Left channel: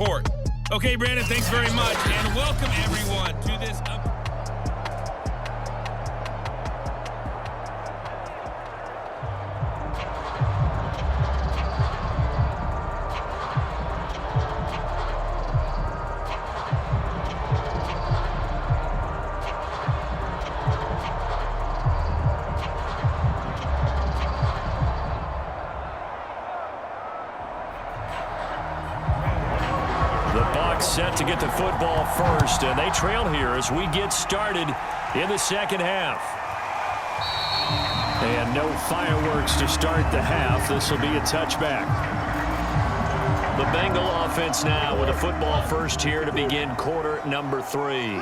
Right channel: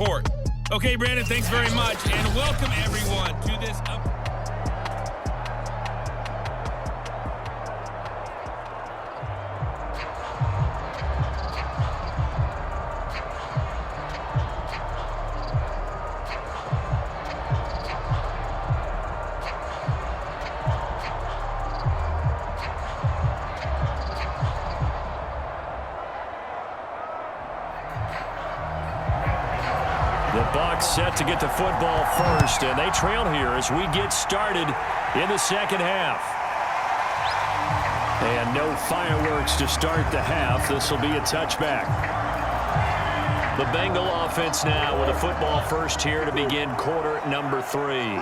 report. Okay, Brandon, thanks very much, and welcome everyone to this. The Bucs set to get the football first, and they trail here as we get started in the second half. And no fireworks to start the half. This will be a touchback. The Bengal offense now with a football first here to begin quarter number 3.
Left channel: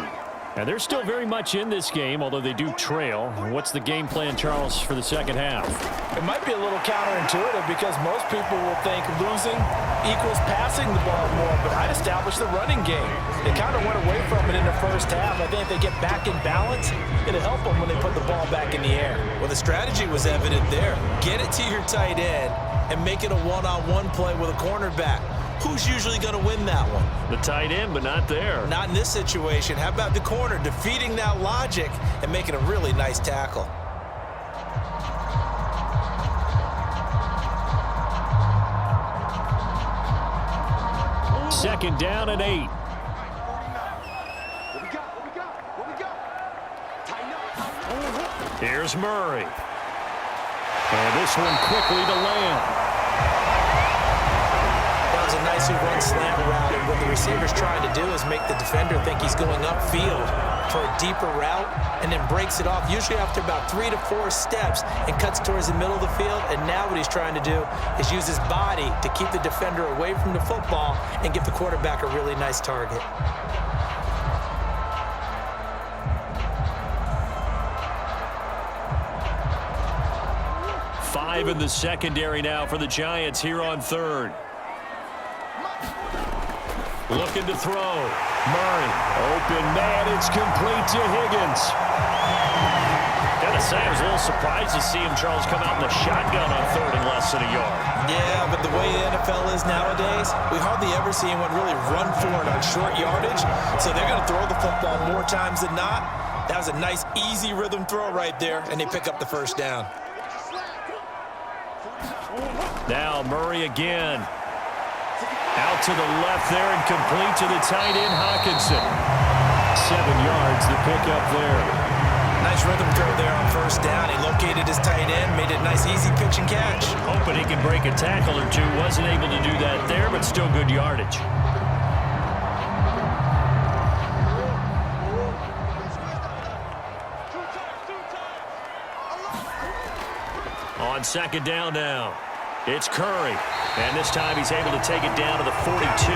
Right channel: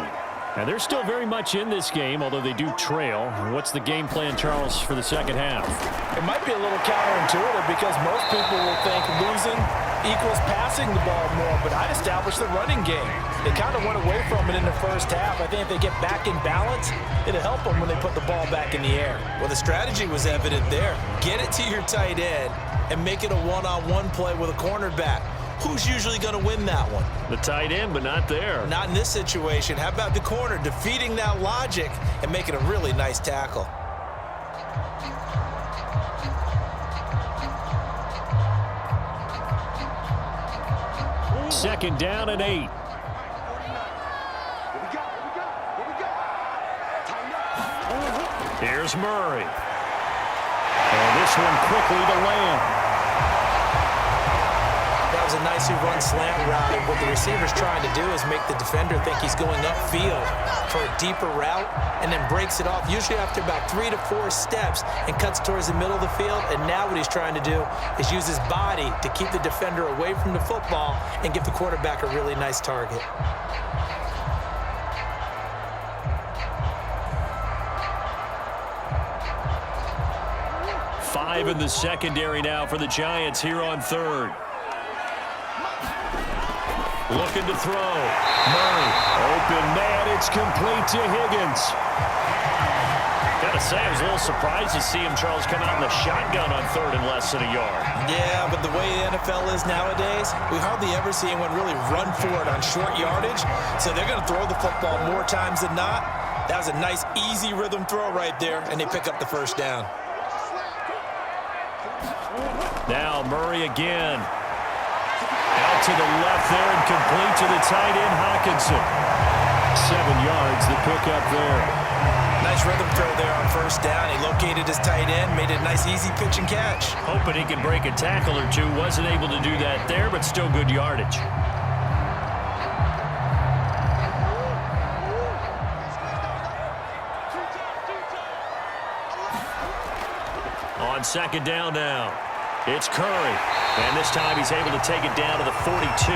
And they're still very much in this game, although they do trail. What's the game plan, Charles, for the second half? It might be a little counterintuitive because most people will think losing equals passing the ball more, but I'd establish the running game. They kind of went away from it in the first half. I think if they get back in balance, it'll help them when they put the ball back in the air. Well, the strategy was evident there. Get it to your tight end and make it a one-on-one play with a cornerback. Who's usually going to win that one? The tight end, but not there. Not in this situation. How about the corner defeating that logic and making a really nice tackle? Second down and 8. Here's Murray. And this one quickly to Lamb. That was a nicely run slant route, and what the receiver's trying to do is make the defender think he's going upfield for a deeper route and then breaks it off, usually after about 3 to 4 steps, and cuts towards the middle of the field. And now what he's trying to do is use his body to keep the defender away from the football and give the quarterback a really nice target. Five in the secondary now for the Giants here on third. Looking to throw. Murray. Open man. It's complete to Higgins. Gotta say, I was a little surprised to see him, Charles, come out in the shotgun on third and less than a yard. Yeah, but the way the NFL is nowadays, we hardly ever see anyone really run for it on short yardage. So they're going to throw the football more times than not. That was a nice, easy rhythm throw right there, and they pick up the first down. Now Murray again. Out to the left there and complete to the tight end, Hawkinson. 7 yards, the pickup there. Nice rhythm throw there on first down. He located his tight end, made it a nice easy pitch and catch. Hoping he can break a tackle or two. Wasn't able to do that there, but still good yardage. On second down now, it's Curry. And this time he's able to take it down to the 42. He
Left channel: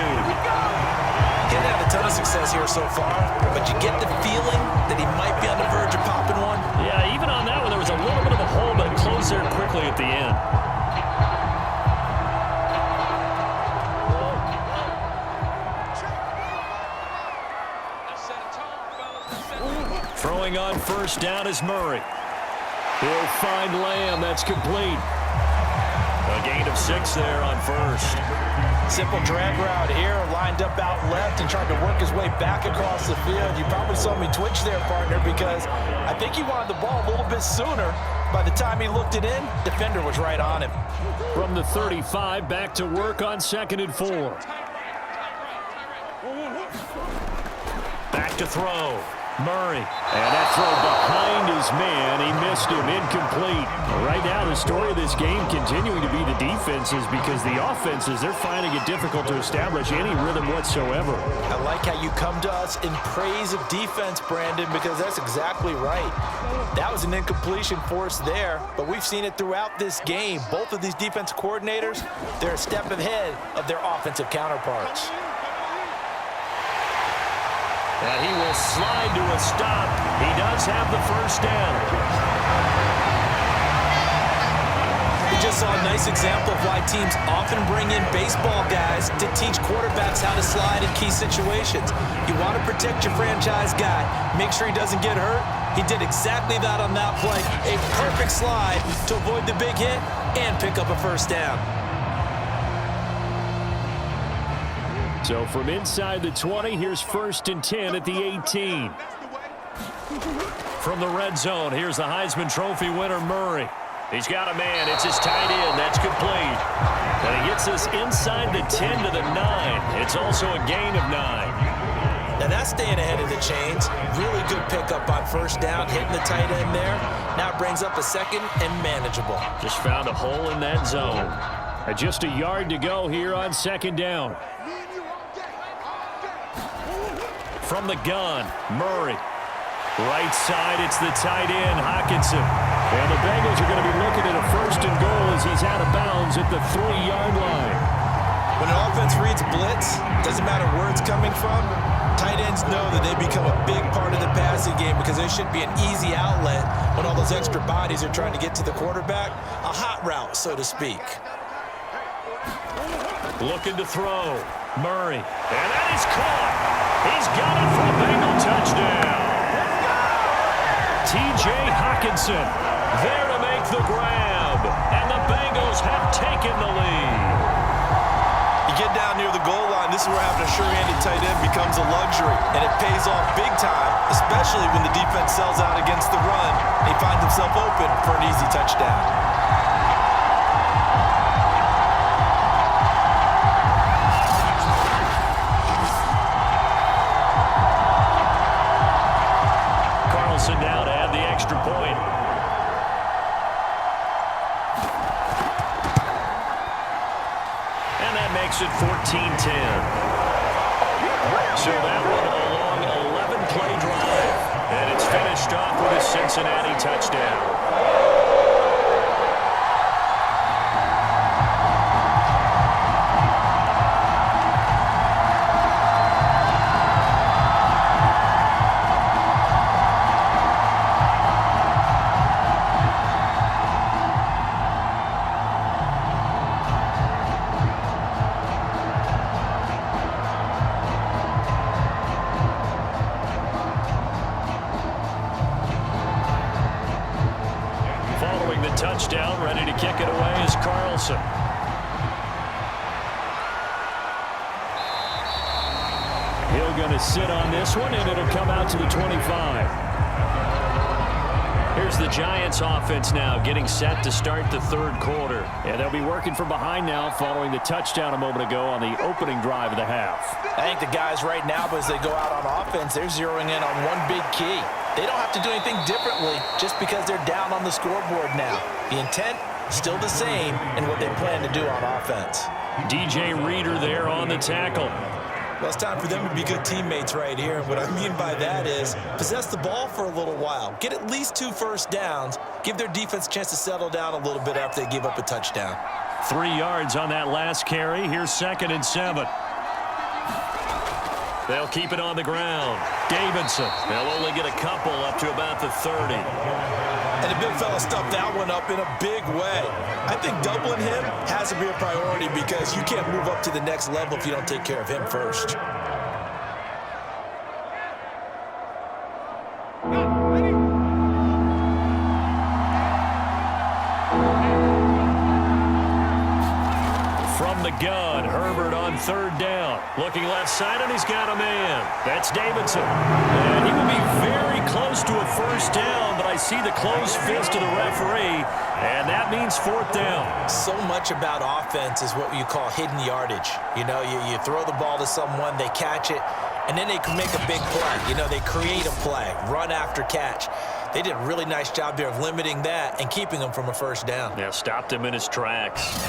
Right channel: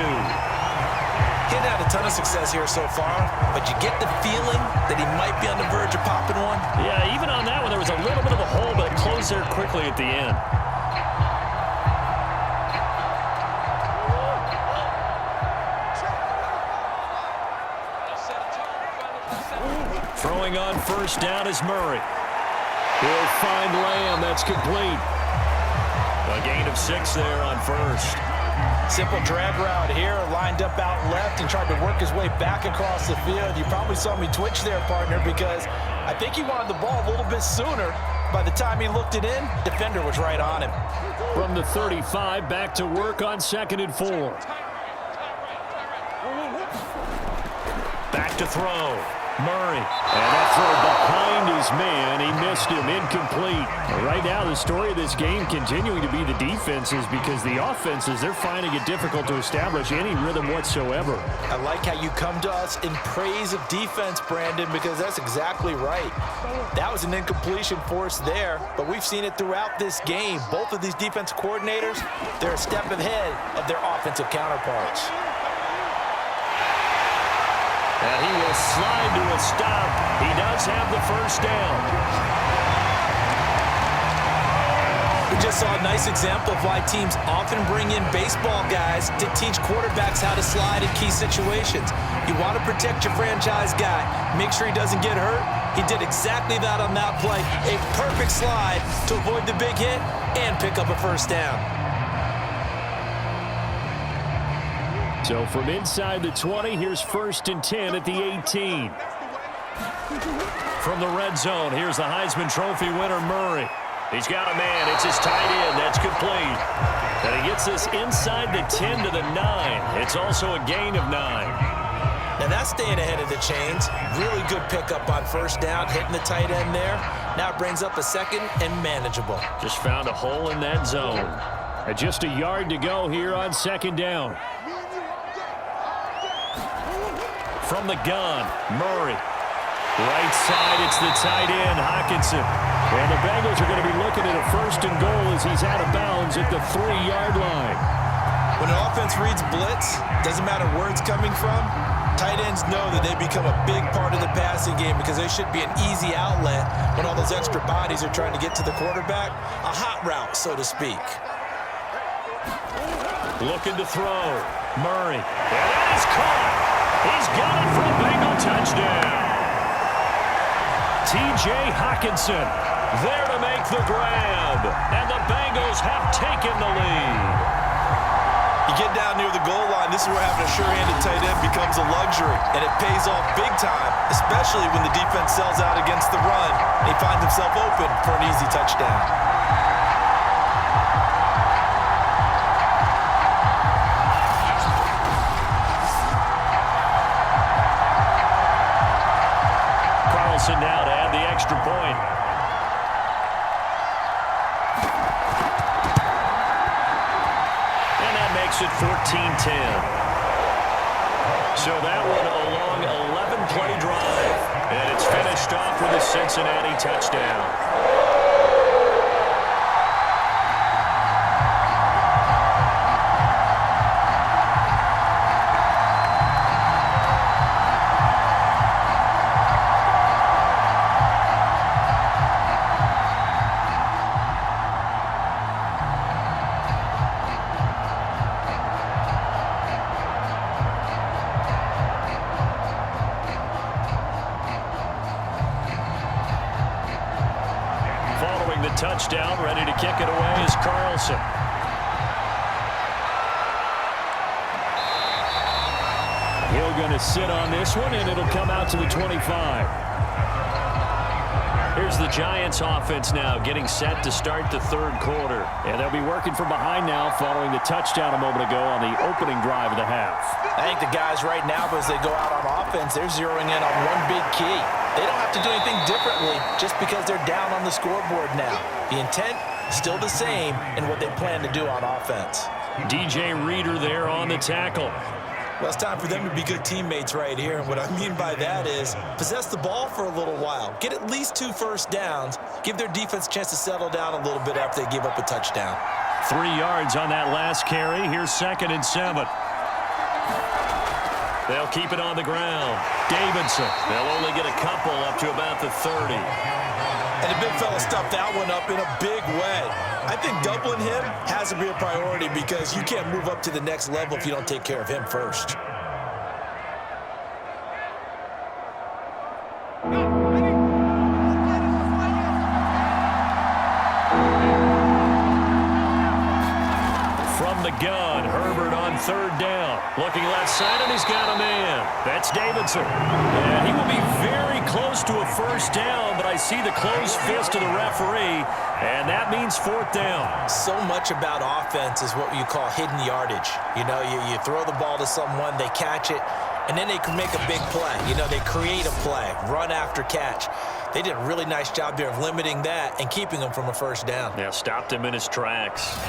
hadn't had a ton of success here so far, but you get the feeling that he might be on the verge of popping one. Yeah, even on that one, there was a little bit of a hole, but it closed there quickly at the end. Throwing on first down is Murray. He'll find Lamb. That's complete. A gain of 6 there on first. Simple drag route here, lined up out left and tried to work his way back across the field. You probably saw me twitch there, partner, because I think he wanted the ball a little bit sooner. By the time he looked it in, defender was right on him. From the 35, back to work on 2nd and 4. Back to throw. Murray. And that throw behind his man. He missed him. Incomplete. Right now, the story of this game continuing to be the defenses, because the offenses, they're finding it difficult to establish any rhythm whatsoever. I like how you come to us in praise of defense, Brandon, because that's exactly right. That was an incompletion forced there, but we've seen it throughout this game. Both of these defense coordinators, they're a step ahead of their offensive counterparts. And he will slide to a stop. He does have the first down. We just saw a nice example of why teams often bring in baseball guys to teach quarterbacks how to slide in key situations. You want to protect your franchise guy. Make sure he doesn't get hurt. He did exactly that on that play. A perfect slide to avoid the big hit and pick up a first down. So from inside the 20, here's 1st and 10 at the 18. From the red zone, here's the Heisman Trophy winner, Murray. He's got a man. It's his tight end. That's complete. And he gets this inside the 10 to the 9. It's also a gain of 9. Now that's staying ahead of the chains. Really good pickup on 1st down, hitting the tight end there. Now it brings up a 2nd and manageable. Just found a hole in that zone. And just a yard to go here on 2nd down. From the gun, Murray. Right side, it's the tight end, Hockenson. And the Bengals are going to be looking at a 1st and goal as he's out of bounds at the 3-yard line. When an offense reads blitz, doesn't matter where it's coming from, tight ends know that they become a big part of the passing game because they should be an easy outlet when all those extra bodies are trying to get to the quarterback. A hot route, so to speak. Looking to throw. Murray. And that is caught. He's got it for a Bengal touchdown. T.J. Hockenson there to make the grab. And the Bengals have taken the lead. You get down near the goal line, this is where having a sure-handed tight end becomes a luxury, and it pays off big time, especially when the defense sells out against the run, and he finds himself open for an easy touchdown. Carlson now to add the extra point. And that makes it 14-10. So that one a long 11-play drive. And it's finished off with a Cincinnati touchdown. Following the touchdown, ready to kick it away is Carlson. He'll going to sit on this one, and it'll come out to the 25. Here's the Giants offense now getting set to start the 3rd quarter. And they'll be working from behind now following the touchdown a moment ago on the opening drive of the half. I think the guys right now, as they go out on offense, they're zeroing in on one big key. They don't have to do anything differently just because they're down on the scoreboard now. The intent still the same in what they plan to do on offense. DJ Reader there on the tackle. Well, it's time for them to be good teammates right here. And what I mean by that is possess the ball for a little while. Get at least 2 first downs. Give their defense a chance to settle down a little bit after they give up a touchdown. 3 yards on that last carry. Here's 2nd and 7. They'll keep it on the ground. Davidson. They'll only get a couple up to about the 30. And the big fella stuffed that one up in a big way. I think doubling him has to be a priority because you can't move up to the next level if you don't take care of him first. From the gun, Herbert on 3rd down. Looking left side, and he's got a man. That's Davidson. And he will be very close to a 1st down, but I see the closed fist of the referee, and that means 4th down. So much about offense is what you call hidden yardage. You know, you throw the ball to someone, they catch it, and then they can make a big play. You know, they create a play, run after catch. They did a really nice job there of limiting that and keeping him from a 1st down. Yeah, stopped him in his tracks.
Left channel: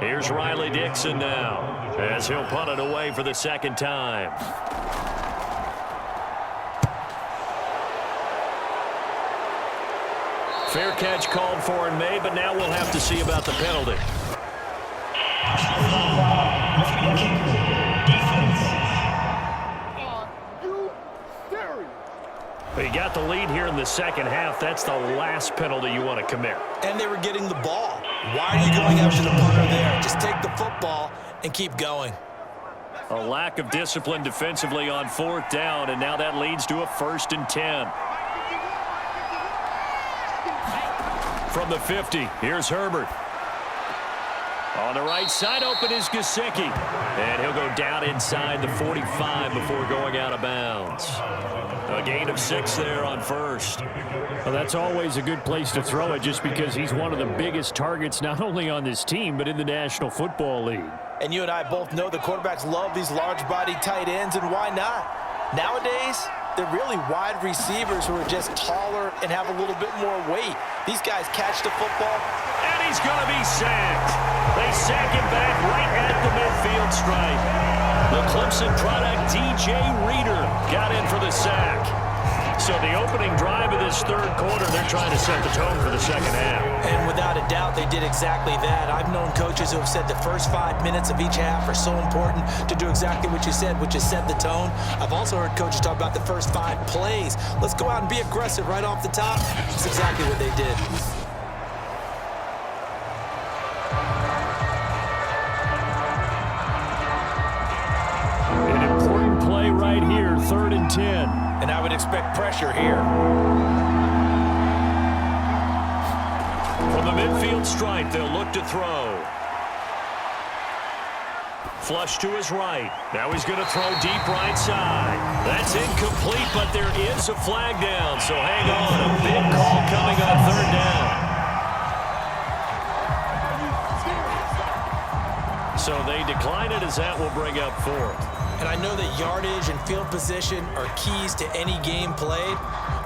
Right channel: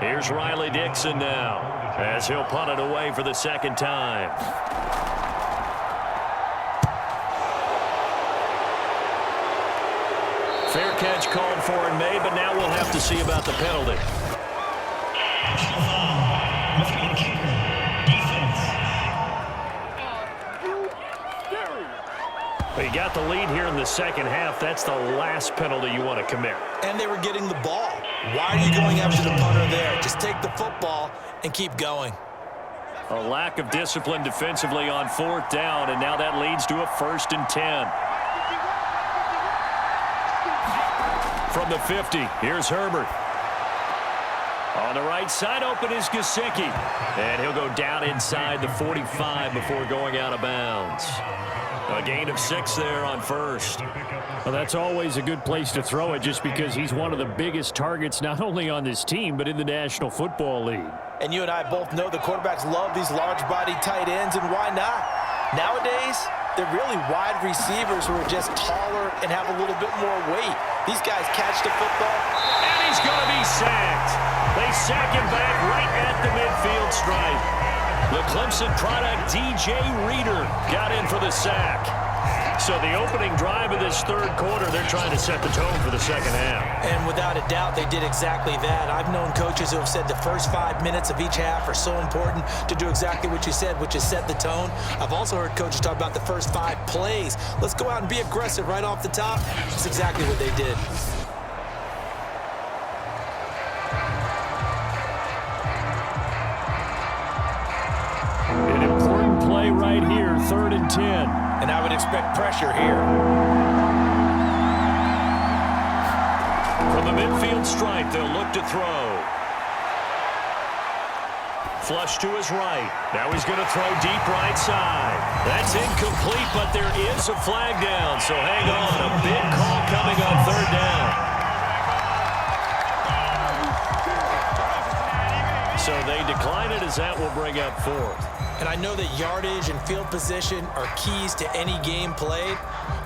Here's Riley Dixon now, as he'll punt it away for the 2nd time. Fair catch called for and made, but now we'll have to see about the penalty. Well, you got the lead here in the 2nd half. That's the last penalty you want to commit. And they were getting the ball. Why are you going after the punter there? Just take the football and keep going. A lack of discipline defensively on 4th down, and now that leads to a 1st and 10. from the 50. Here's Herbert. On the right side, open is Gesicki. And he'll go down inside the 45 before going out of bounds. A gain of 6 there on first. Well, that's always a good place to throw it just because he's one of the biggest targets not only on this team but in the National Football League. And you and I both know the quarterbacks love these large-bodied tight ends, and why not? Nowadays, they're really wide receivers who are just taller and have a little bit more weight. These guys catch the football. And he's going to be sacked. They sack him back right at the midfield stripe. The Clemson product, DJ Reader, got in for the sack. So the opening drive of this third quarter, they're trying to set the tone for the second half. And without a doubt, they did exactly that. I've known coaches who have said the first 5 minutes of each half are so important to do exactly what you said, which is set the tone. I've also heard coaches talk about the first 5 plays. Let's go out and be aggressive right off the top. That's exactly what they did. An important play right here, 3rd and 10. And I would expect pressure here. From the midfield stripe, they'll look to throw. Flush to his right. Now he's going to throw deep right side. That's incomplete, but there is a flag down, so hang on. A big call coming on 3rd down. So they decline it as that will bring up 4th. And I know that yardage and field position are keys to any game played,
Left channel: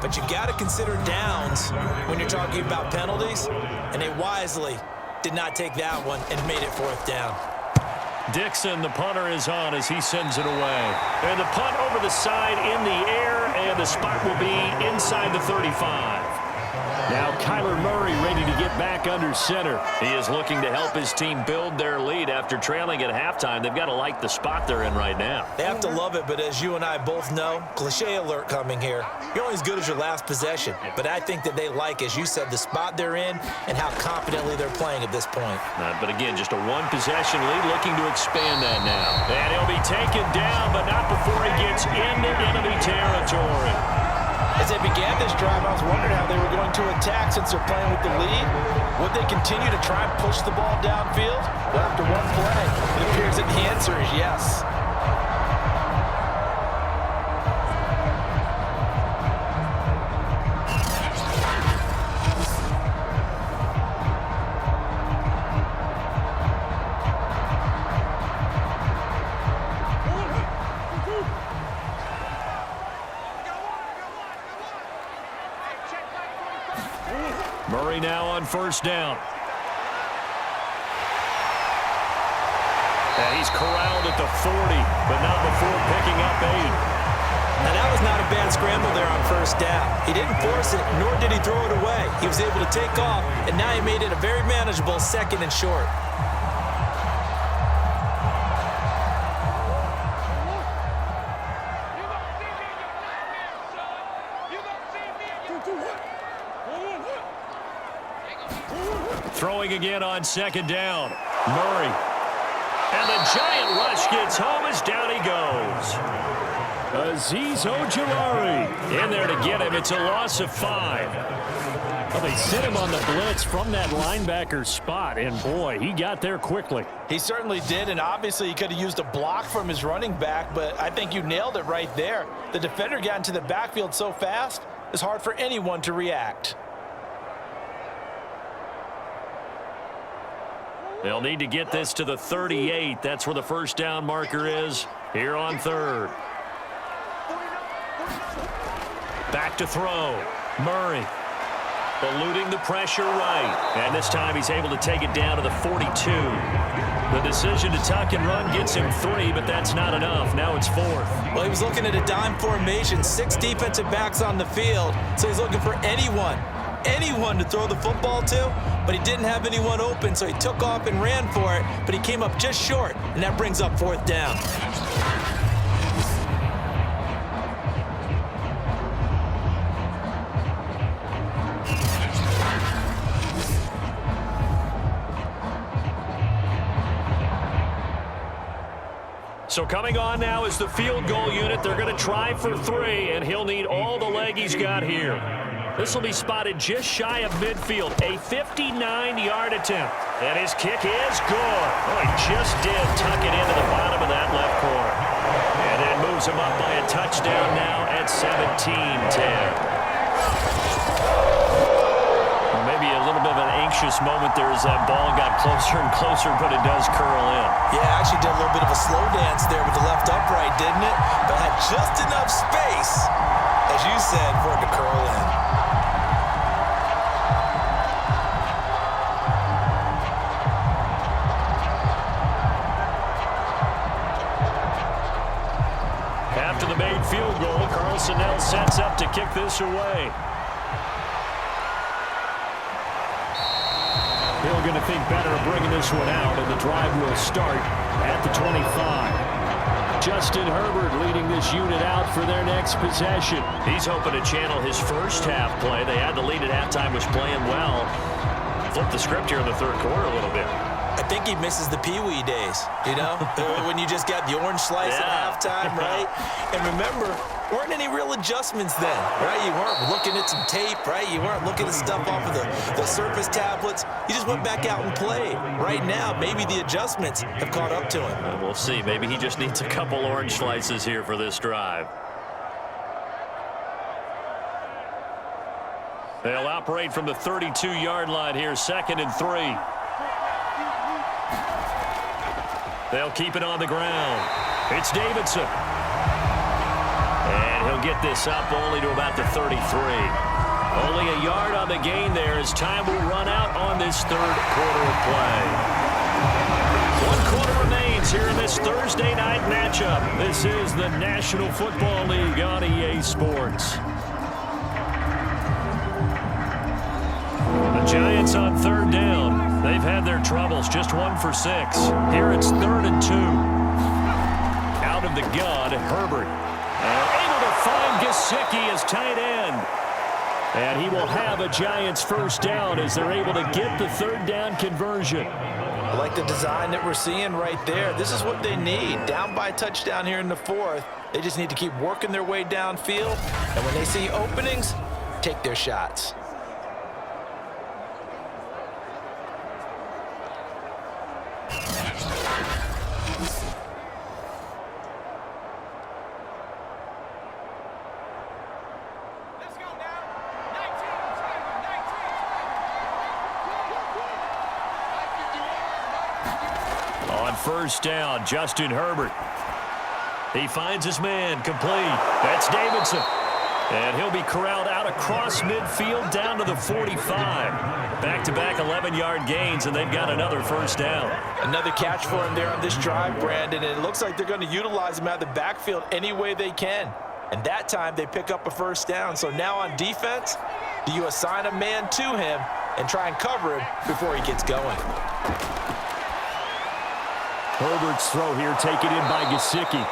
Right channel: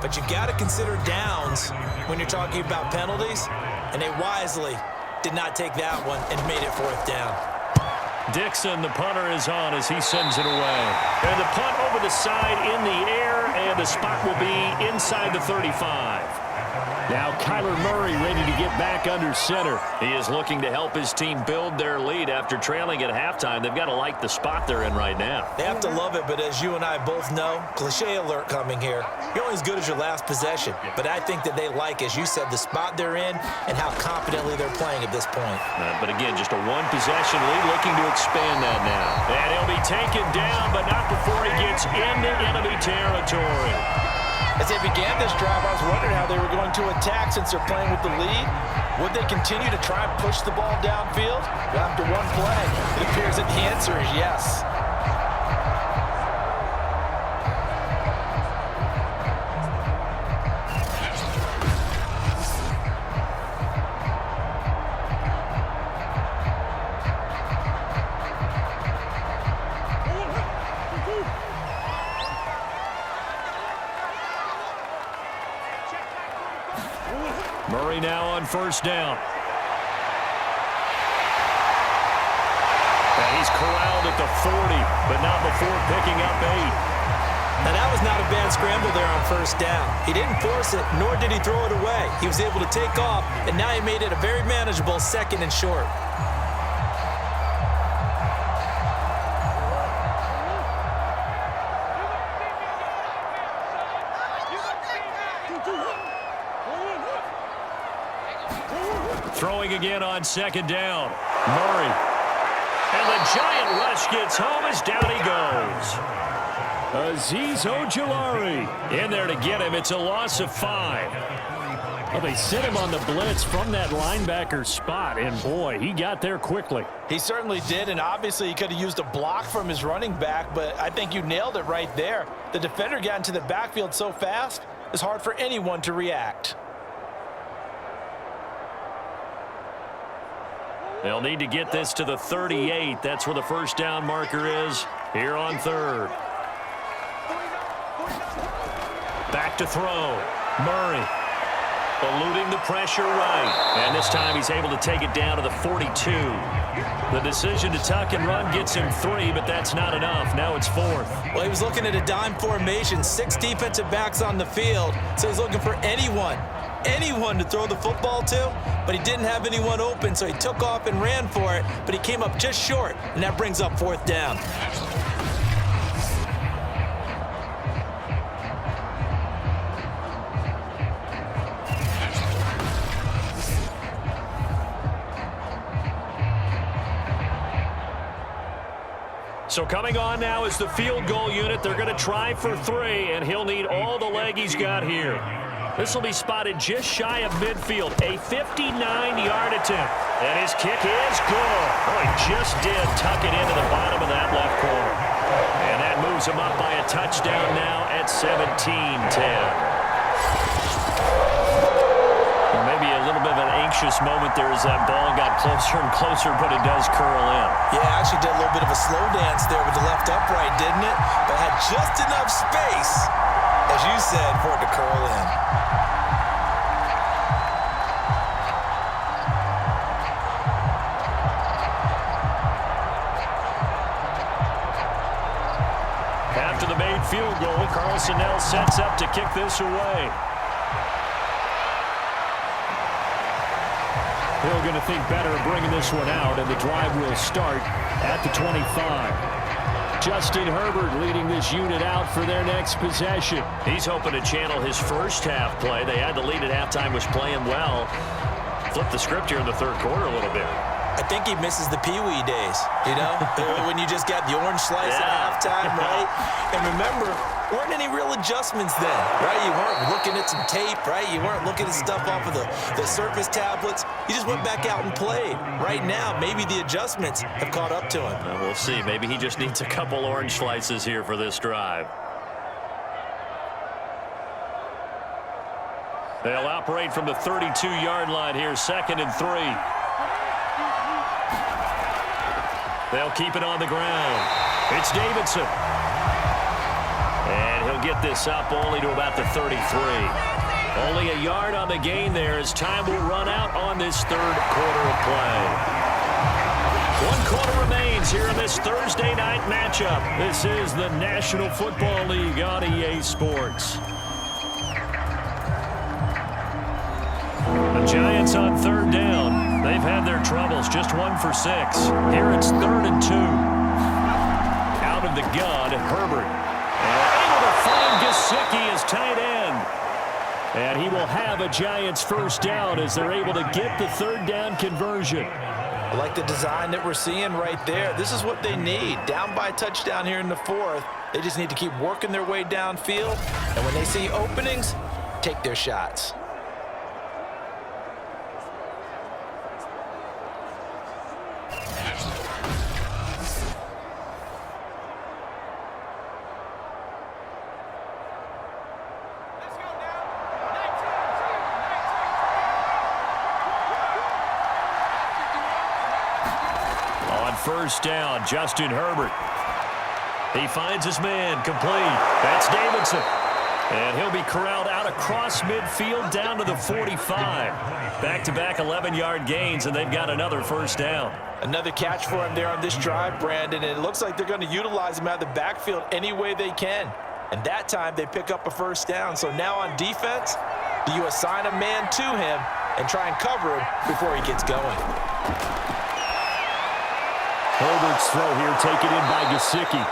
but you got to consider downs when you're talking about penalties, and they wisely did not take that one and made it 4th down. Dixon, the punter, is on as he sends it away. And the punt over the side in the air, and the spot will be inside the 35. Now Kyler Murray ready to get back under center. He is looking to help his team build their lead after trailing at halftime. They've got to like the spot they're in right now. They have to love it, but as you and I both know, cliche alert coming here. You're only as good as your last possession. But I think that they like, as you said, the spot they're in and how confidently they're playing at this point. But again, just a 1-possession lead, looking to expand that now. And he'll be taken down, but not before he gets into enemy territory. As they began this drive, I was wondering how they were going to attack since they're playing with the lead. Would they continue to try and push the ball downfield? Well, after one play, it appears that the answer is yes. Murray now on 1st down. And he's corralled at the 40, but not before picking up 8. Now, that was not a bad scramble there on 1st down. He didn't force it, nor did he throw it away. He was able to take off, and now he made it a very manageable 2nd and short. Throwing again on 2nd down. Murray. And the giant rush gets home as down he goes. Azeez Ojulari In there to get him. It's a loss of 5. Well, they sent him on the blitz from that linebacker spot, and boy, he got there quickly. He certainly did, and obviously he could have used a block from his running back, but I think you nailed it right there. The defender got into the backfield so fast, it's hard for anyone to react. They'll need to get this to the 38. That's where the 1st down marker is here on 3rd. Back to throw. Murray eluding the pressure right. And this time he's able to take it down to the 42. The decision to tuck and run gets him 3, but that's not enough. Now it's 4th. Well, he was looking at a dime formation, 6 defensive backs on the field, so he's looking for anyone to throw the football to, but he didn't have anyone open, so he took off and ran for it, but he came up just short, and that brings up 4th down. So coming on now is the field goal unit. They're going to try for 3, and he'll need all the leg he's got here. This will be spotted just shy of midfield. A 59-yard attempt. And his kick is good. Oh, he just did tuck it into the bottom of that left corner. And that moves him up by a touchdown now at 17-10. Well, maybe a little bit of an anxious moment there as that ball got closer and closer, but it does curl in. Yeah, actually did a little bit of a slow dance there with the left upright, didn't it? But had just enough space, as you said, for it to curl in. After the made field goal, Carlson now sets up to kick this away. Hill going to think better of bringing this one out, and the drive will start at the 25. Justin Herbert leading this unit out for their next possession. He's hoping to channel his first half play. They had the lead at halftime, was playing well. Flip the script here in the third quarter a little bit. I think he misses the Pee-wee days, you know, when you just got the orange slice at halftime, right? And remember, weren't any real adjustments then, right? You weren't looking at some tape, right? You weren't looking at stuff off of the Surface tablets. You just went back out and played. Right now, maybe the adjustments have caught up to him. We'll see. Maybe he just needs a couple orange slices here for this drive. They'll operate from the 32-yard line here, 2nd and 3. They'll keep it on the ground. It's Davidson. And he'll get this up only to about the 33. Only a yard on the gain there as time will run out on this third quarter of play. 1 quarter remains here in this Thursday night matchup. This is the National Football League on EA Sports. The Giants on 3rd down. They've had their troubles, just 1 for 6. Here it's 3rd and 2. Out of the gun, Herbert. And able to find Gesicki as tight end. And he will have a Giants first down as they're able to get the 3rd down conversion. I like the design that we're seeing right there. This is what they need. Down by a touchdown here in the 4th. They just need to keep working their way downfield. And when they see openings, take their shots. On 1st down, Justin Herbert. He finds his man, complete. That's Davidson. And he'll be corralled out across midfield down to the 45. Back-to-back 11-yard gains, and they've got another first down. Another catch for him there on this drive, Brandon, and it looks like they're going to utilize him out of the backfield any way they can. And that time, they pick up a first down. So now on defense, do you assign a man to him and try and cover him before he gets going? Herbert's throw here taken in by Gesicki.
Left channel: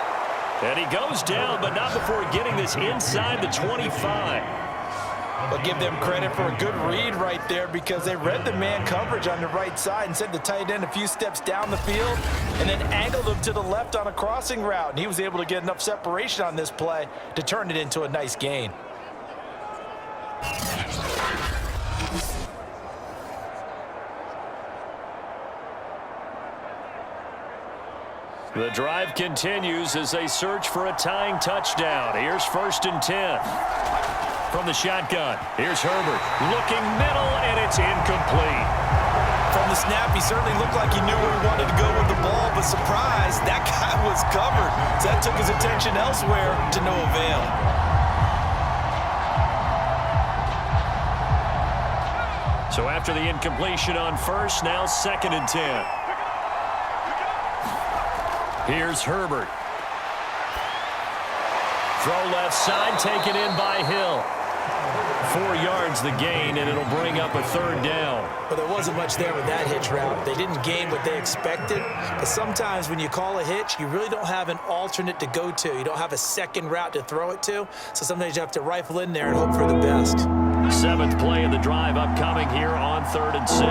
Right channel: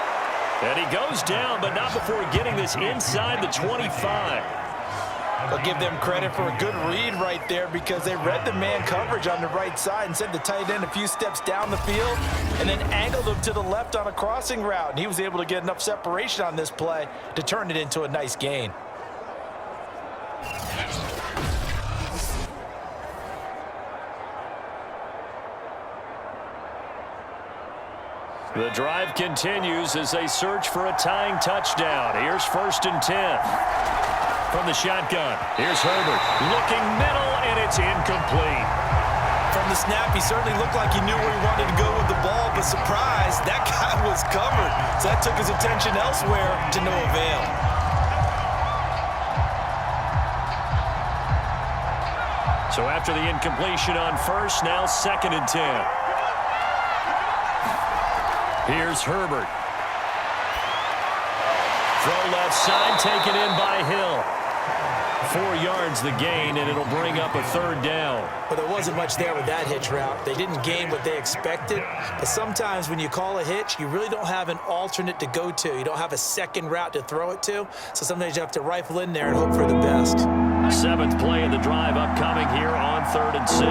And he goes down, but not before getting this inside the 25. But give them credit for a good read right there because they read the man coverage on the right side and sent the tight end a few steps down the field and then angled him to the left on a crossing route. And he was able to get enough separation on this play to turn it into a nice gain. The drive continues as they search for a tying touchdown. Here's 1st and 10. From the shotgun, here's Herbert. Looking middle, and it's incomplete. From the snap, he certainly looked like he knew where he wanted to go with the ball, but surprise, that guy was covered. So that took his attention elsewhere to no avail. So after the incompletion on 1st, now 2nd and 10. Here's Herbert. Throw left side, taken in by Hill. 4 yards the gain, and it'll bring up a 3rd down. Well, there wasn't much there with that hitch route. They didn't gain what they expected. But sometimes when you call a hitch, you really don't have an alternate to go to. You don't have a second route to throw it to. So sometimes you have to rifle in there and hope for the best. 7th play of the drive upcoming here on 3rd and 6.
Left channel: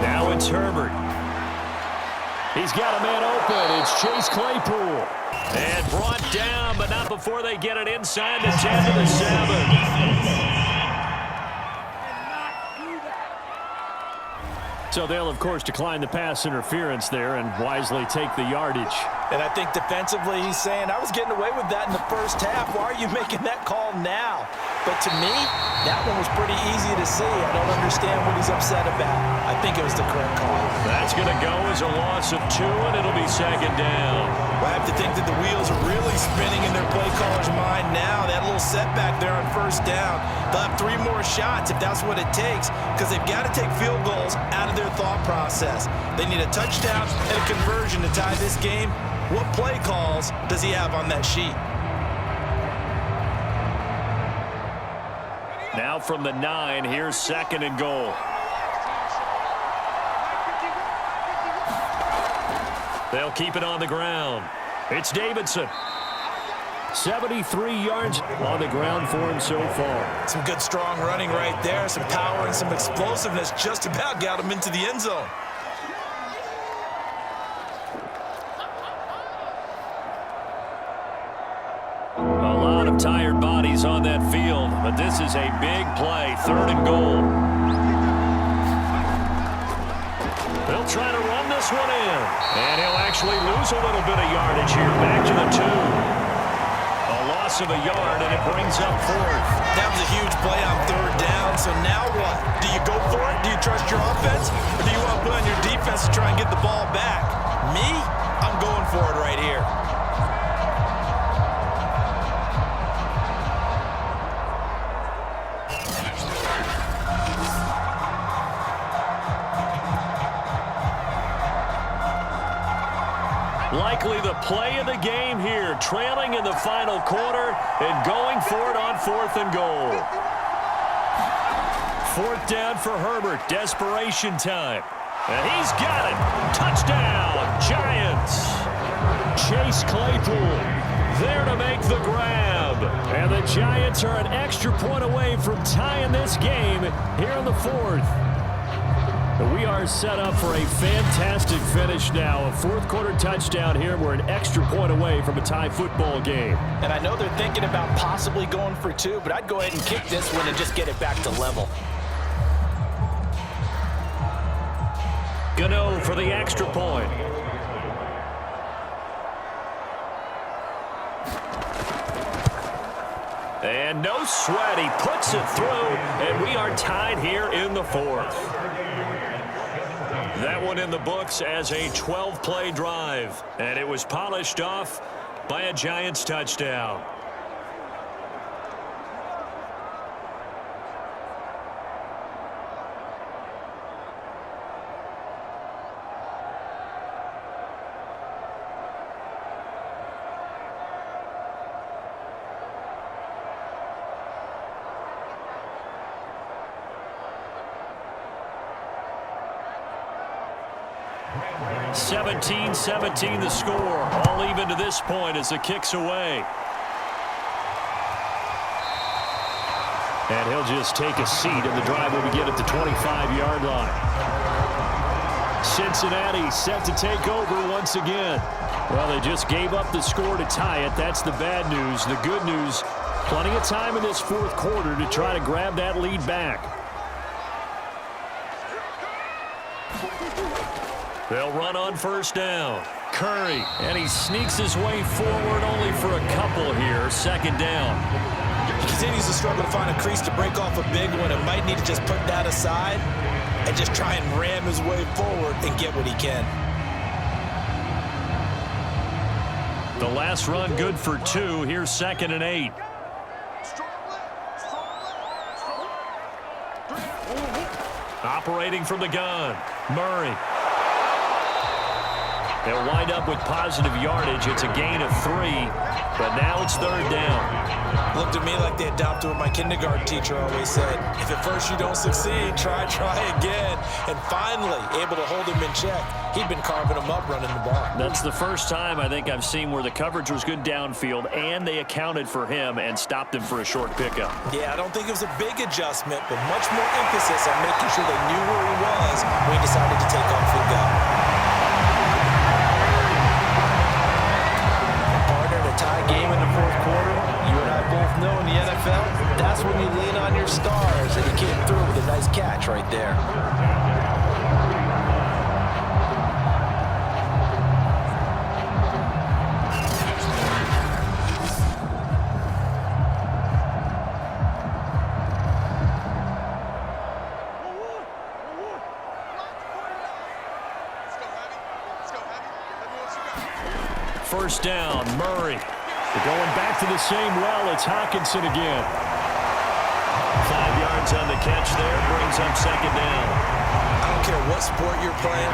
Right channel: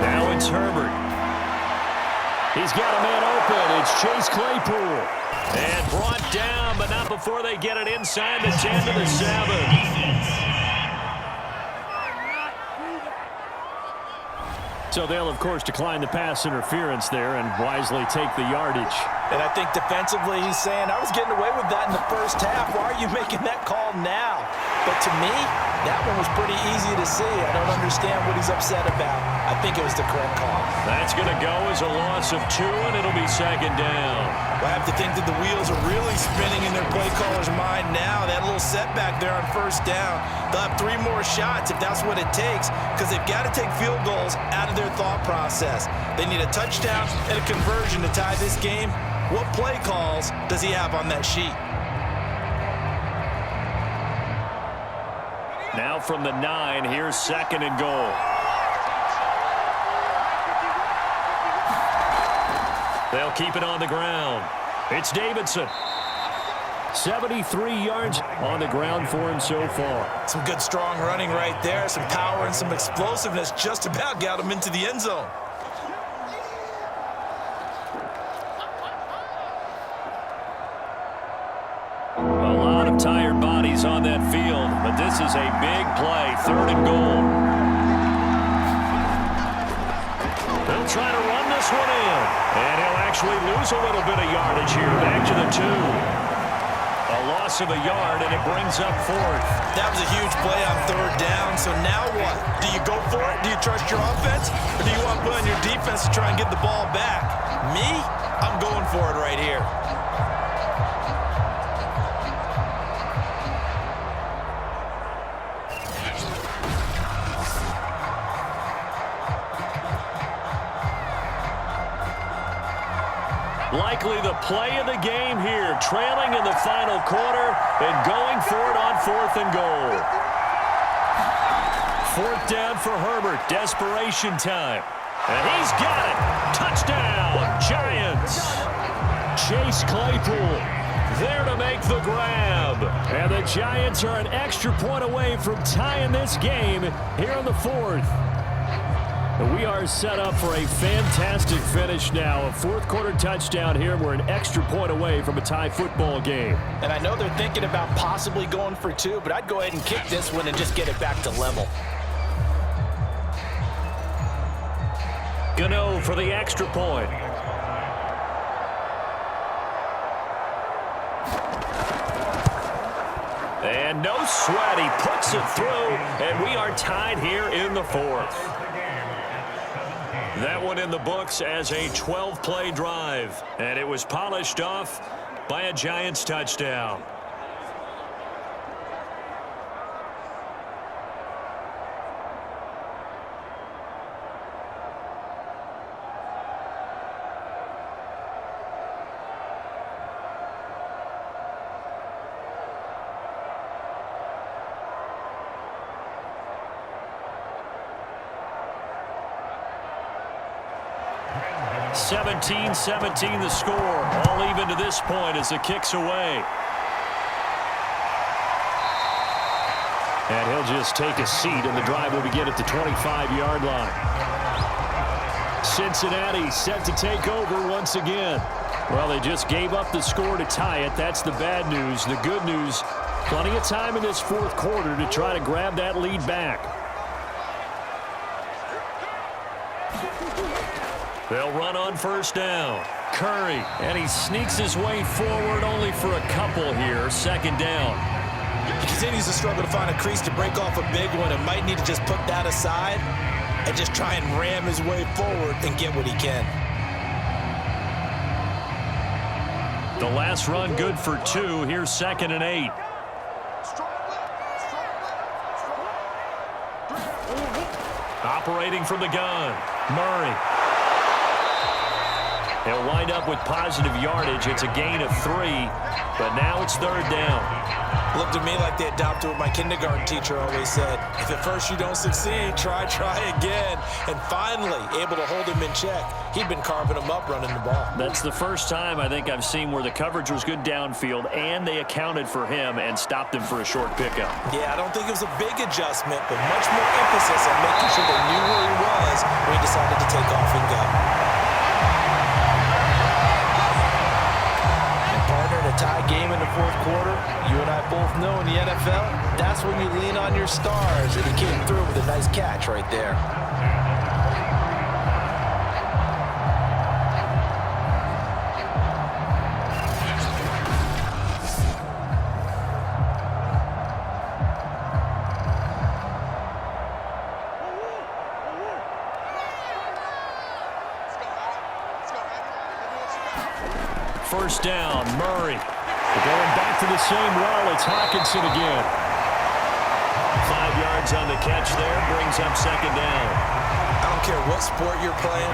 Now it's Herbert. He's got a man open. It's Chase Claypool. And brought down, but not before they get it inside the 10 to the 7. So they'll, of course, decline the pass interference there and wisely take the yardage. And I think defensively he's saying, I was getting away with that in the first half. Why are you making that call now? But to me, that one was pretty easy to see. I don't understand what he's upset about. I think it was the correct call. That's going to go as a loss of 2, and it'll be 2nd down. Well, I have to think that the wheels are really spinning in their play caller's mind now. That little setback there on 1st down. They'll have 3 more shots if that's what it takes, because they've got to take field goals out of their thought process. They need a touchdown and a conversion to tie this game. What play calls does he have on that sheet? Now from the 9, here's 2nd and goal. They'll keep it on the ground. It's Davidson. 73 yards on the ground for him so far. Some good strong running right there. Some power and some explosiveness just about got him into the end zone. A lot of tired bodies on that field, but this is a big play. 3rd and goal. They'll try to run this one in, and he'll actually lose a little bit of yardage here. Back to the 2. A loss of a yard, and it brings up 4th. That was a huge play on 3rd down, so now what? Do you go for it? Do you trust your offense? Or do you want to put on your defense to try and get the ball back? Me? I'm going for it right here. Likely the play of the game here, trailing in the final quarter and going for it on 4th and goal. 4th down for Herbert, desperation time. And he's got it. Touchdown, Giants. Chase Claypool there to make the grab. And the Giants are an extra point away from tying this game here in the 4th. We are set up for a fantastic finish now. A 4th quarter touchdown here. We're an extra point away from a tie football game. And I know they're thinking about possibly going for 2, but I'd go ahead and kick this one and just get it back to level. Gano for the extra point. And no sweat. He puts it through, and we are tied here in the 4th. That one in the books as a 12-play drive, and it was polished off by a Giants touchdown. (17-17) the score, all even to this point as the kick's away. And he'll just take a seat, and the drive will begin at the 25-yard line. Cincinnati set to take over once again. Well, they just gave up the score to tie it. That's the bad news. The good news, plenty of time in this 4th quarter to try to grab that lead back. They'll run on 1st down. Curry, and he sneaks his way forward only for a couple here. 2nd down. He continues to struggle to find a crease to break off a big one and might need to just put that aside and just try and ram his way forward and get what he can. The last run good for 2. Here's 2nd and 8. Operating from the gun, Murray. They'll wind up with positive yardage. It's a gain of 3, but now it's 3rd down. Looked to me like they adopted what my kindergarten teacher always said. If at first you don't succeed, try again. And finally, able to hold him in check. He'd been carving him up running the ball. That's the first time I think I've seen where the coverage was good downfield and they accounted for him and stopped him for a short pickup. Yeah, I don't think it was a big adjustment, but much more emphasis on making sure they knew where he was when he decided to take off and go. tie game in the fourth quarter, you and I both know in the NFL, that's when you lean on your stars, and he came through with a nice catch right there. First down, Murray. Going back to the same well, it's Hockenson again. 5 yards on the catch there, brings up second down. I don't care what sport you're playing.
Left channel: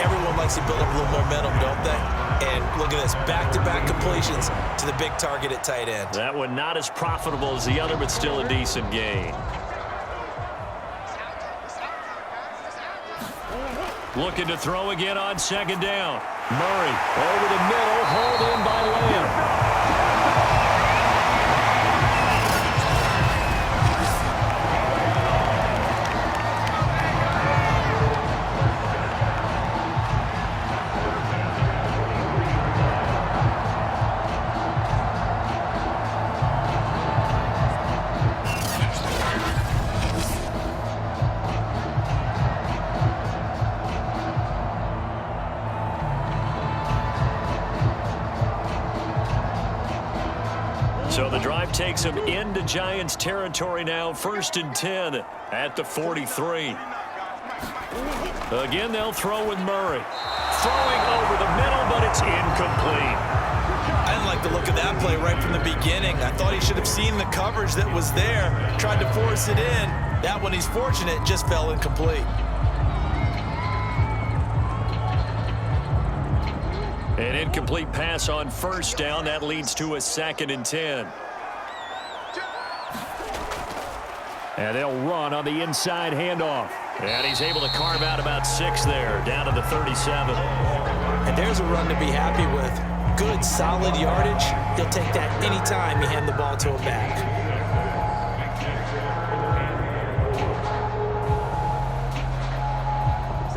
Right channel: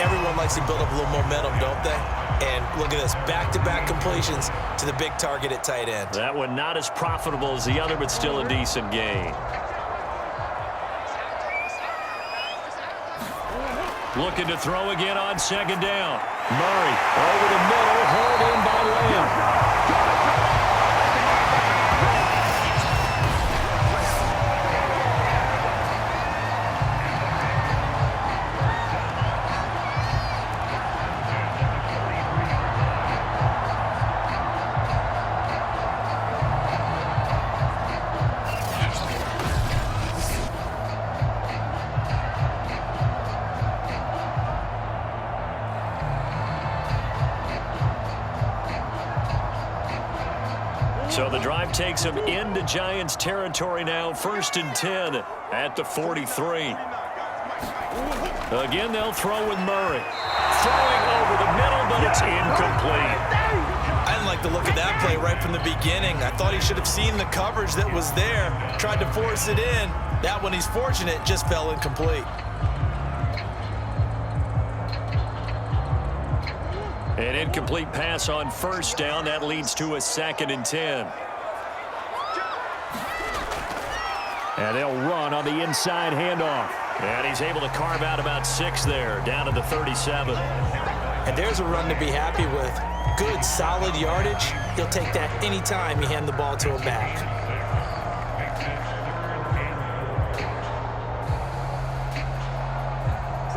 Everyone likes to build up a little momentum, don't they? And look at this, back-to-back completions to the big target at tight end. That one not as profitable as the other, but still a decent gain. Looking to throw again on second down. Murray over the middle, hauled in by Lamb. So the drive takes them into Giants territory now, 1st and 10 at the 43. Again, they'll throw with Murray. Throwing over the middle, but it's incomplete. I didn't like the look of that play right from the beginning. I thought he should have seen the coverage that was there, tried to force it in. That one, he's fortunate, just fell incomplete. An incomplete pass on first down. That leads to a 2nd and 10. And they'll run on the inside handoff. And he's able to carve out about 6 there, down to the 37. And there's a run to be happy with. Good, solid yardage. He'll take that anytime you hand the ball to him back.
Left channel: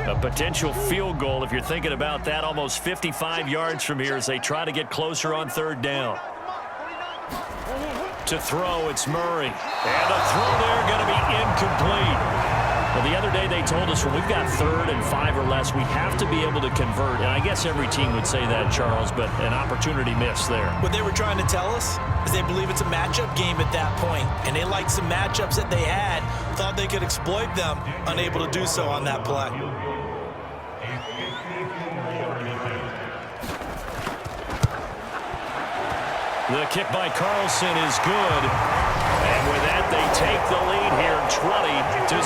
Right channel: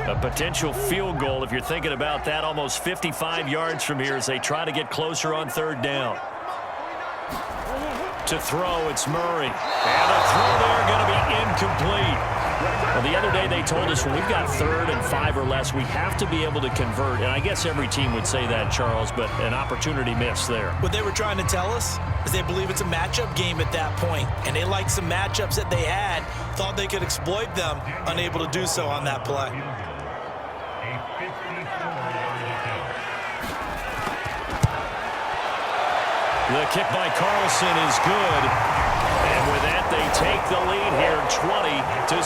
A potential field goal, if you're thinking about that, almost 55 yards from here as they try to get closer on 3rd down. To throw, it's Murray. And the throw there going to be incomplete. Well, the other day they told us when we've got 3rd and 5 or less, we have to be able to convert. And I guess every team would say that, Charles, but an opportunity missed there. What they were trying to tell us is they believe it's a matchup game at that point. And they liked some matchups that they had, thought they could exploit them, unable to do so on that play. The kick by Carlson is good. And with that, they take the lead here, 20-17.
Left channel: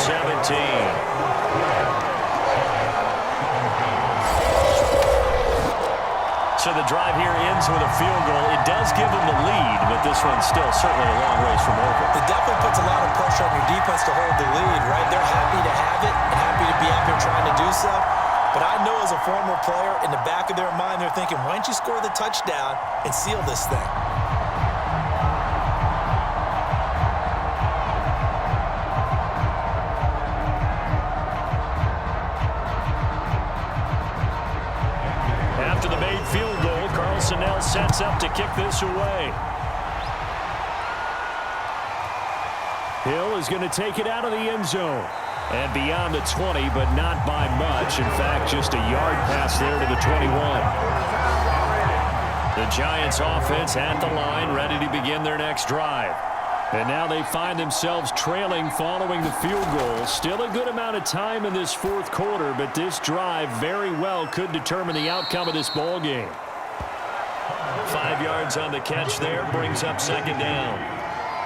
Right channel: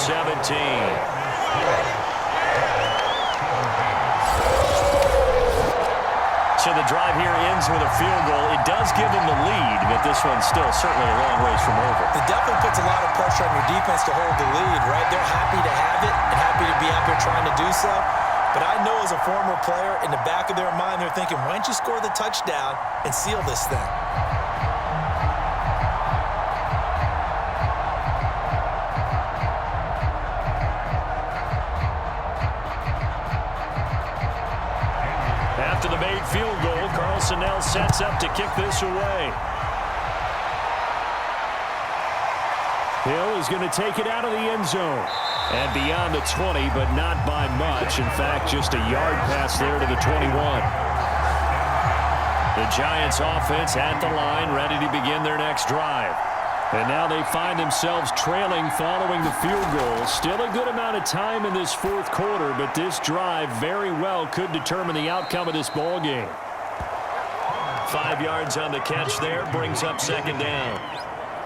So the drive here ends with a field goal. It does give them the lead, but this one's still certainly a long ways from over. It definitely puts a lot of pressure on your defense to hold the lead, right? They're happy to have it and happy to be out there trying to do so. But I know as a former player, in the back of their mind, they're thinking, why don't you score the touchdown and seal this thing? After the made field goal, Carlson now sets up to kick this away. Hill is going to take it out of the end zone. And beyond the 20, but not by much. In fact, just a yard pass there to the 21. The Giants offense at the line, ready to begin their next drive. And now they find themselves trailing following the field goal. Still a good amount of time in this fourth quarter, but this drive very well could determine the outcome of this ball game. 5 yards on the catch there, brings up second down.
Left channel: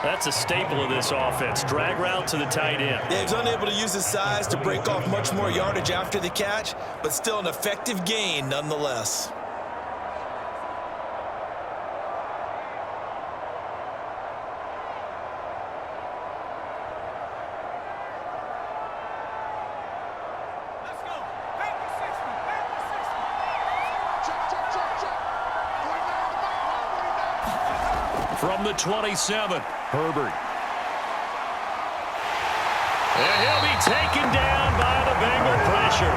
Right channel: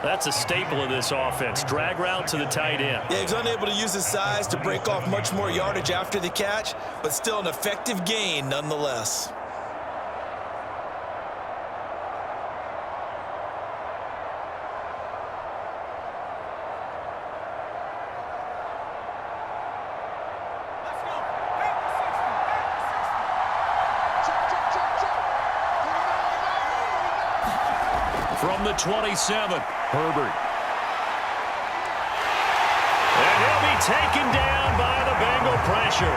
That's a staple of this offense. Drag route to the tight end. Yeah, he's unable to use his size to break off much more yardage after the catch, but still an effective gain nonetheless. From the 27, Herbert. And he'll be taken down by the Bengal pressure.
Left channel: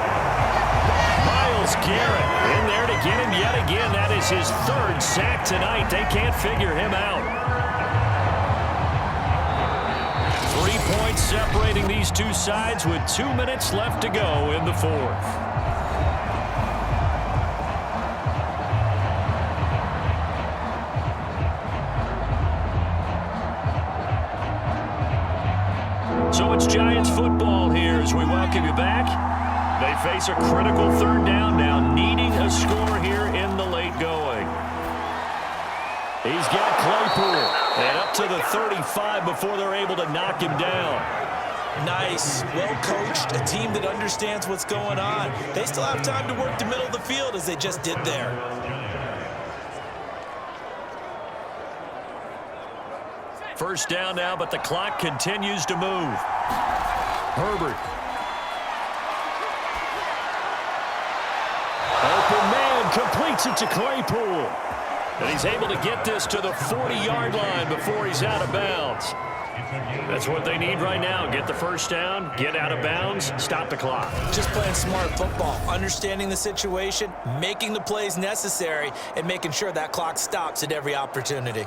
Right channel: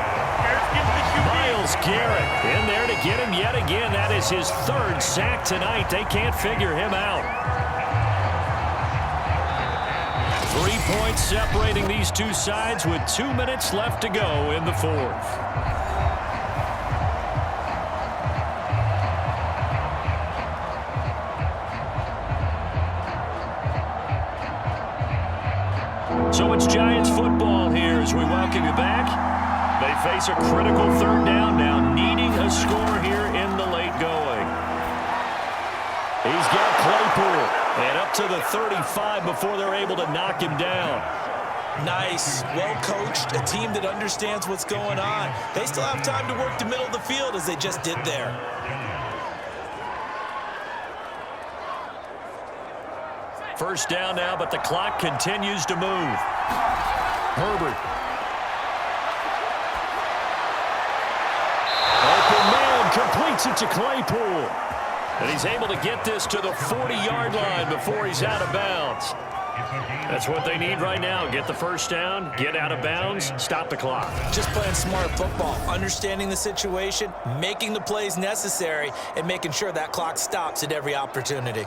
Myles Garrett in there to get him yet again. That is his third sack tonight. They can't figure him out. 3 points separating these two sides with 2 minutes left to go in the fourth. So it's Giants football here as we welcome you back. They face a critical third down now, needing a score here in the late going. He's got Claypool, and up to the 35 before they're able to knock him down. Nice, well coached, a team that understands what's going on. They still have time to work the middle of the field as they just did there. First down now, but the clock continues to move. Herbert. Open man completes it to Claypool. And he's able to get this to the 40-yard line before he's out of bounds. That's what they need right now. Get the first down, get out of bounds, stop the clock. Just playing smart football, understanding the situation, making the plays necessary, and making sure that clock stops at every opportunity.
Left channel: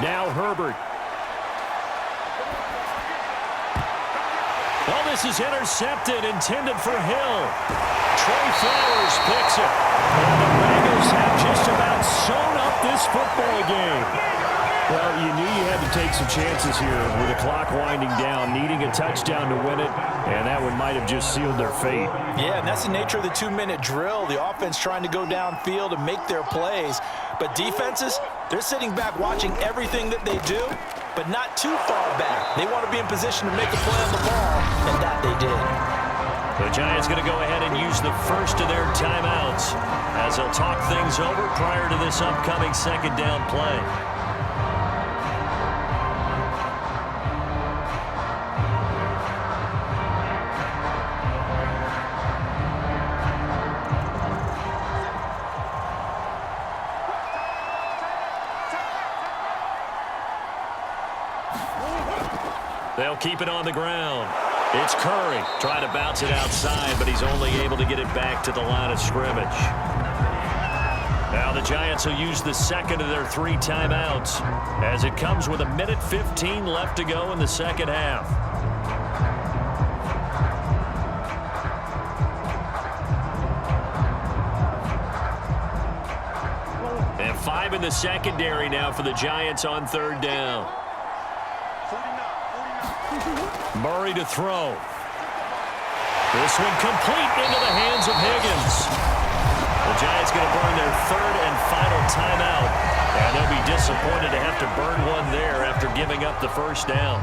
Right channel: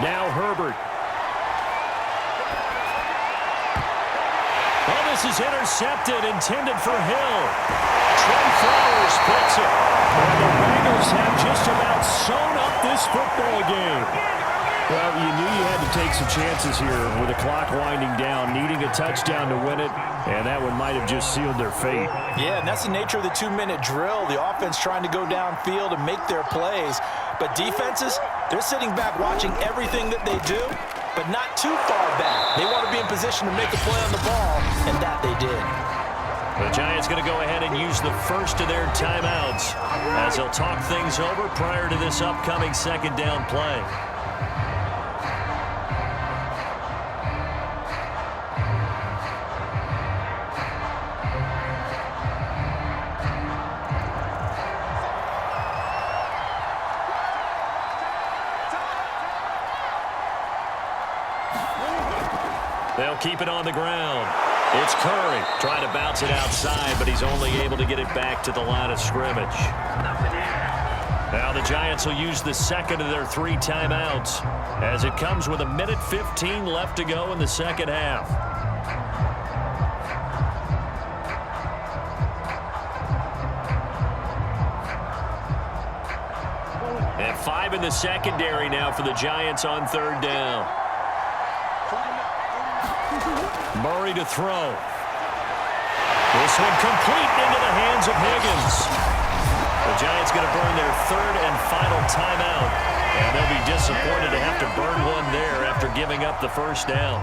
Now Herbert. Oh, this is intercepted, intended for Hill. Trey Flowers picks it. And the Bengals have just about sewn up this football game. Well, you knew you had to take some chances here with the clock winding down, needing a touchdown to win it, and that one might have just sealed their fate. Yeah, and that's the nature of the 2-minute drill. The offense trying to go downfield and make their plays. But defenses, they're sitting back watching everything that they do, but not too far back. They want to be in position to make a play on the ball, and that they did. The Giants going to go ahead and use the first of their timeouts as they'll talk things over prior to this upcoming second down play. They'll keep it on the ground. It's Curry trying to bounce it outside, but he's only able to get it back to the line of scrimmage. Now the Giants will use the second of their 3 timeouts as it comes with 1:15 left to go in the second half. And 5 in the secondary now for the Giants on third down. Murray to throw. This one complete into the hands of Higgins. The Giants going to burn their third and final timeout, and they'll be disappointed to have to burn one there after giving up the first down.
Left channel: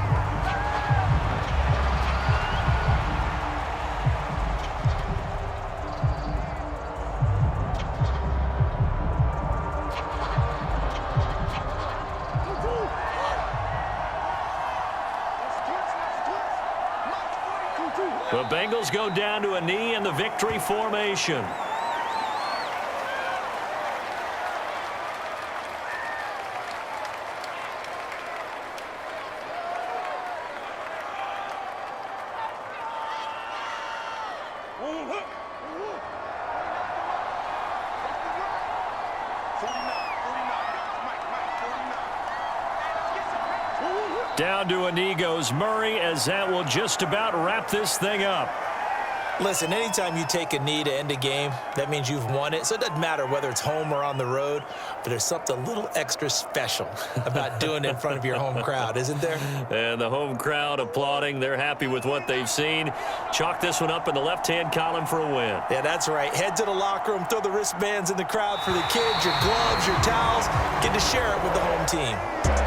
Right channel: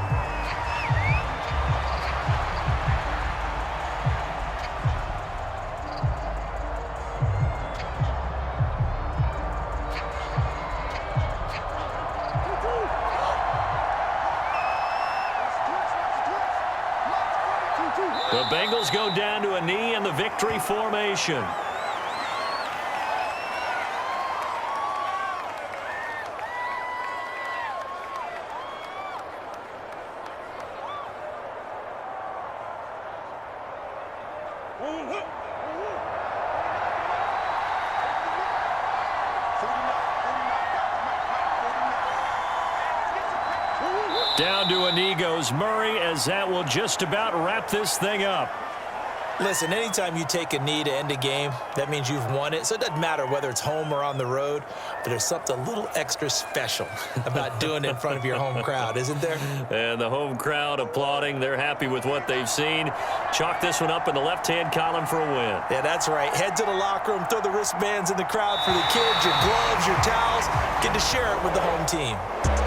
The Bengals go down to a knee in the victory formation. Down to a knee goes Murray, as that will just about wrap this thing up. Listen, anytime you take a knee to end a game, that means you've won it. So it doesn't matter whether it's home or on the road, but there's something a little extra special about doing it in front of your home crowd, isn't there? And the home crowd applauding. They're happy with what they've seen. Chalk this one up in the left-hand column for a win. Yeah, that's right. Head to the locker room, throw the wristbands in the crowd for the kids, your gloves, your towels. Get to share it with the home team.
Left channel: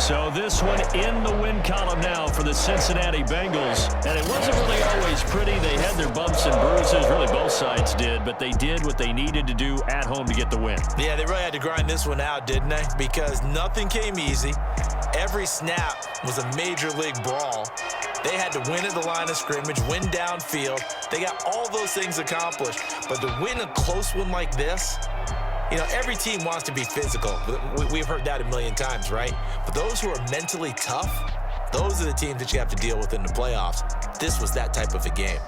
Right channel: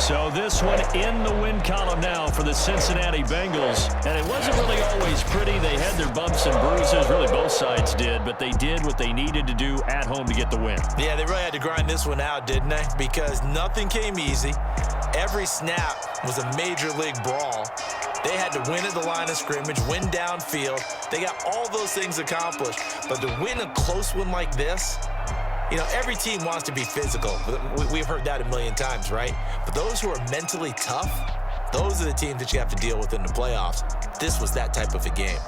So this one in the win column now for the Cincinnati Bengals. And it wasn't really always pretty. They had their bumps and bruises. Really, both sides did. But they did what they needed to do at home to get the win. Yeah, they really had to grind this one out, didn't they? Because nothing came easy. Every snap was a major league brawl. They had to win at the line of scrimmage, win downfield. They got all those things accomplished. But to win a close one like this, you know, every team wants to be physical. We've heard that a million times, right? But those who are mentally tough, those are the teams that you have to deal with in the playoffs. This was that type of a game.